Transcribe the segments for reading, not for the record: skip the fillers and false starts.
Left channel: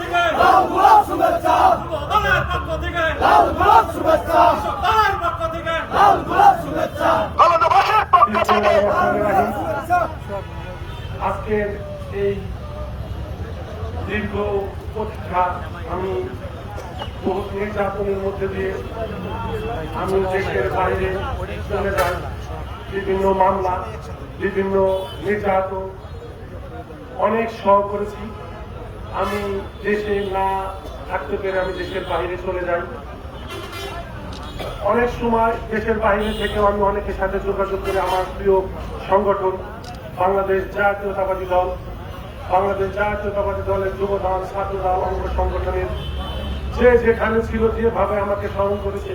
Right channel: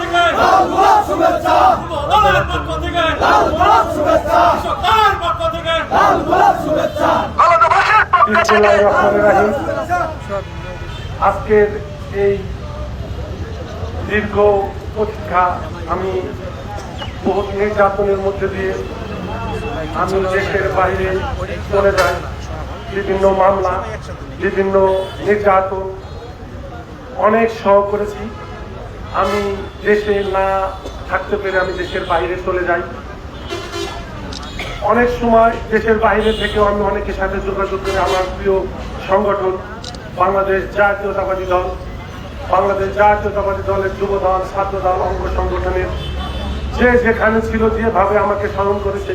থেকে লাল গোলাপ শুভেচ্ছা, যুবদলের পক্ষ থেকে লাল গোলাপ শুভেচ্ছা, কৃষকদের পক্ষ থেকে লাল গোলাপ শুভেচ্ছা। বিসমিল্লাহির রহমানির রহিম। আজকের এই দীর্ঘ প্রতীক্ষা, আমি বহুত নির্যাতনের মধ্যে দিয়ে আমি দেশের বাইরে চলে যাই। বিভিন্ন মামলা, বিভিন্ন নির্যাতন অনেক সহ করেছি। আমি দেশে না থাকতে পেরে আমি দেশের বাইরে চলে যাই। অনেক সময় দেশের বাইরে থেকেও আমি অনেকের সাথে যোগাযোগ করে আমার প্রিয় সংগঠন বাংলাদেশ জাতীয়তাবাদী দল, বাংলাদেশ জাতীয়তাবাদী দলের যুব দল, ছাত্র দল, অঙ্গ সংগঠনের যে যেখানে ছিল, যেভাবে আমাকে স্মরণ করেছে,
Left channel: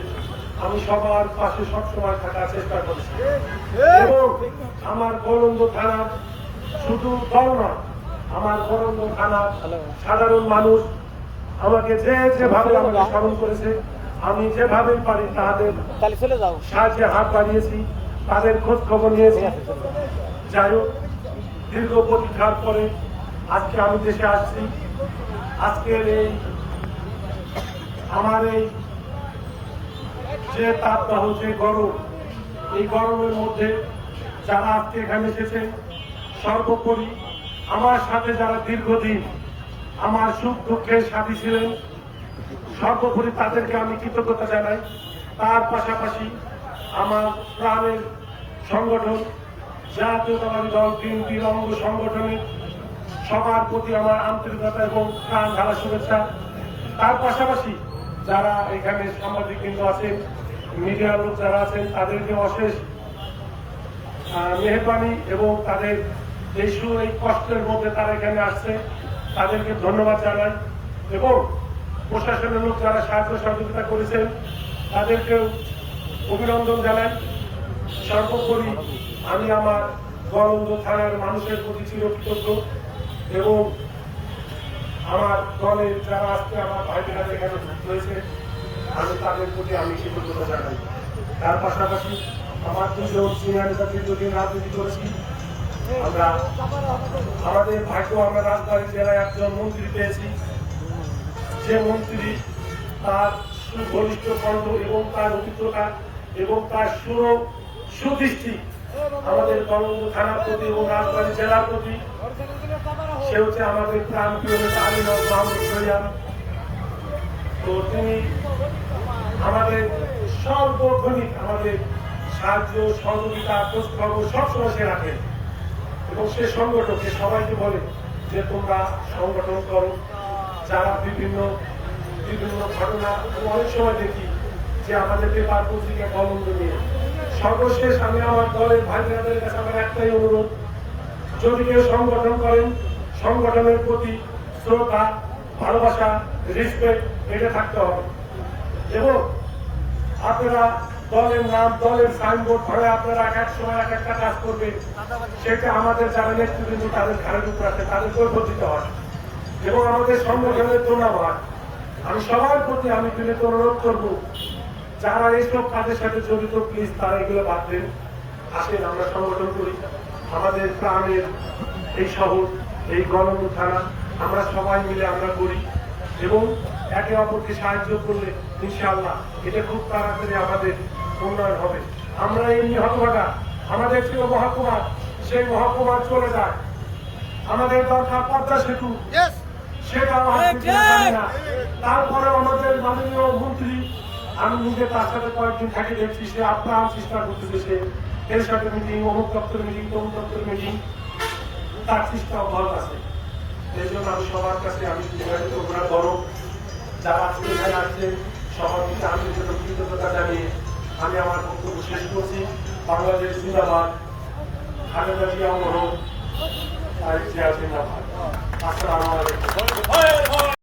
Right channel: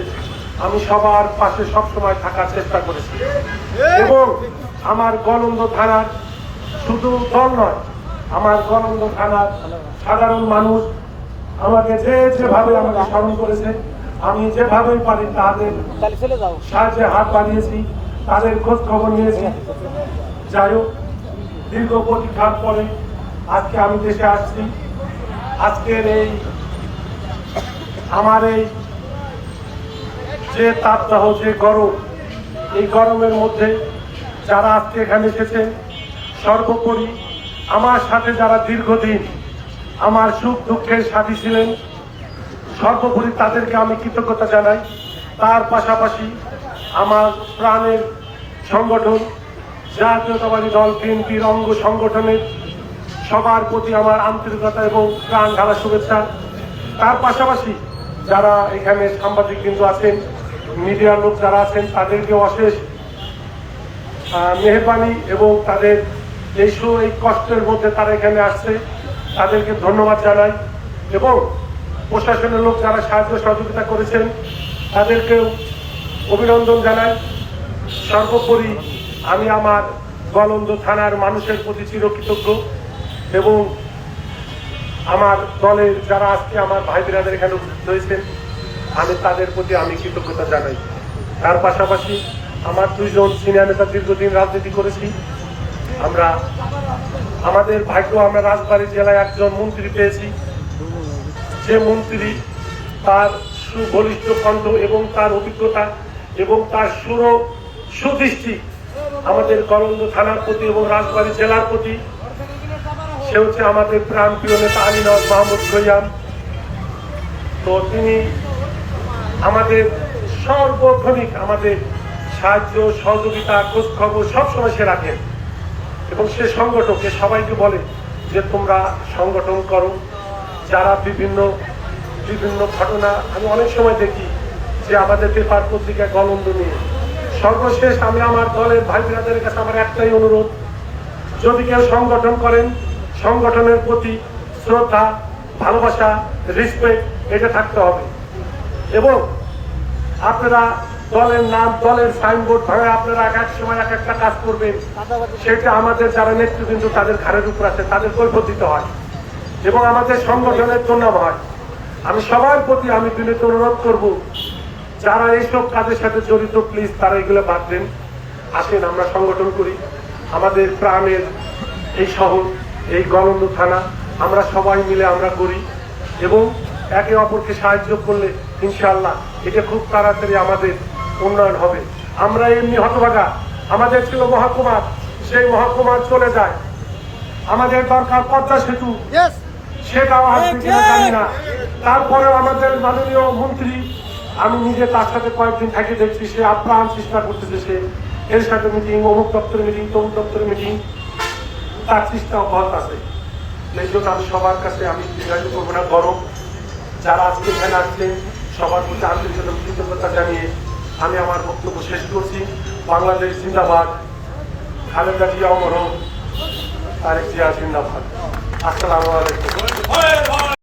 আমি সবার পাশে সবসময় থাকার চেষ্টা করেছি। এবং আমার গলন্দ থানার শুধু দল নয়, আমার গলন্দ থানার সাধারণ মানুষ আমাকে যেভাবে আমাকে স্মরণ করেছে, আমি যেভাবেই পারি তাদের সাহায্যে হাত বাড়িয়েছি, তাদের খোঁজ খবর নিয়েছি। যাই হোক, দীর্ঘ প্রতীক্ষার পরে আজকে আমি দেশে আসছি। আজকের এই আমার এই যে তাপদাহ, যে গরম, এই গরমের মধ্যে যারা আজকে এখানে এসেছেন, সর্বোপরি আমার সাথে যারা দীর্ঘদিন আমার সুখ দুঃখের সাথী ছিলেন, সর্বোপরি তাদেরকে আমি কৃতজ্ঞতা জানাই। তার পাশাপাশি আমার প্রাণের সংগঠন জাতীয়তাবাদী দল বিএনপির অঙ্গ সংগঠনের সবার প্রতি আমার আন্তরিকতা এবং প্রাণ ঢালা শুভেচ্ছা। তার পাশাপাশি যারা এখানে সাংবাদিক কিন্তু আছেন, মিডিয়ার লোক যারা আছেন, তাদেরকে অশেষ মেহরবানি এবং তাদের এই কষ্টের মধ্যে তারা এখানে আসছে, তাদেরকে ধন্যবাদ জানাই। এবং প্রশাসনের লোক যারা সাহায্য সহযোগিতা করেছেন, তাদেরকেও অভিনন্দন জানাই। সর্বোপরি আমি আমার গলন্দ থানার মানুষের প্রতি চিরকৃতজ্ঞ এবং আমার দলের যারা আজকে আমার ভাই বোনেদের এখানে উপস্থিত হয়েছেন, আমি তাদের প্রতি আমি কৃতজ্ঞতা জানাই। তার পাশাপাশি আমার দুইজন সিনিয়র নেতা দীর্ঘদিন রাজনীতি করেছি। আমাদের ভাগ্য, আমরা রাজবাড়ী জেলায় একজন মন্ত্রী পেয়েছি, যে মন্ত্রী তার সুবলিষ্ঠ কণ্ঠ এবং তার অভিজ্ঞতা এবং তার সুদৃষ্টি আমাদের গলন্দ থানার প্রতি এবং রাজবাড়ী জেলার প্রতি। সে হচ্ছে আমাদের প্রাণ প্রিয় নেতা আলী নওয়াজ মাহমুদ খৈয়াম। তো তিনি আমাদের সর্বক্ষণিক আমাদের সাহায্য সহযোগিতা খোঁজ খবর সবসময় সে রাখেন এবং সে সংগঠনকে সবাইকে বলে যে তোমরা সংগঠন করো। যারা বিভিন্ন ঘটনা আমি অনেক সময় দেখি যে আমাদের পেপার পত্রিকায় গলন্দ নিয়ে। সর্বশেষ আমি আমার দলের ভাই বোনেদের কাছে আমার একটাই অনুরোধ, যদি কেউ সংগঠন করেন, সংগঠনের প্রতি শ্রদ্ধা, ভালোবাসা, রেসপেক্ট এটা থাকতে হবে। এবং আপনারা দলের নাম, দলের সাইনবোর্ড ভাঙা আপনারা এক এক সময় এক একটা কাজ করবেন, সেটা আমাদের যারা নেতৃবৃন্দ তাদের ঘাড়ের উপর আছে, তাদের কৈফিয়ত দিতে হয় এবং আমাদের সংগঠনের দুর্নাম হয়। আমি সবার প্রতি আমি বিনীত অনুরোধ করব, যারা এইসব কাজের সাথে জড়িত, প্লিজ তারা এগুলো বাদ দেন। আসেন আমরা সংগঠন করি। আমাদের প্রাণের এই শহর, এই গলন্দ থানা আমরা সবাই মিলে আমরা করি এবং একে অপরকে সাহায্য করলে ইনশাআল্লাহ এটা খুব তাড়াতাড়ি আমাদের উন্নয়ন হবে। আমরা এমনি হতভাগা, আমাদের ছিল মহকুমার, সেই মহকুমার চলে যায়। আমাদের দরকার পদ্মা সেতু, সেটাও আসছে কিনা জানি না। তারপরে আমাদের মাননীয় মন্ত্রী, আমি নিজে তার সাথে কয়েকদিন থেকে দেখছি, সে আপ্রাণ চেষ্টা করতেছে, সে এর সাথে মিটিং, অমুক দপ্তরের মিটিং, তমুক দপ্তরের মিটিং, তার চেষ্টা অব্যাহত আছে। এই জন্য আমি সবার কাছে আমি দীর্ঘায়িত করবো না। গরম যারা আজকে এখানে আসছেন সবার প্রতি আন্তরিক কৃতজ্ঞতা জানিয়ে আমি আমার বক্তব্য শেষ করছি। বাংলাদেশ জিন্দাবাদ, খালেদা জিয়া অমর হোক, তারেক জিয়া জিন্দাবাদ। আসসালামু আলাইকুম।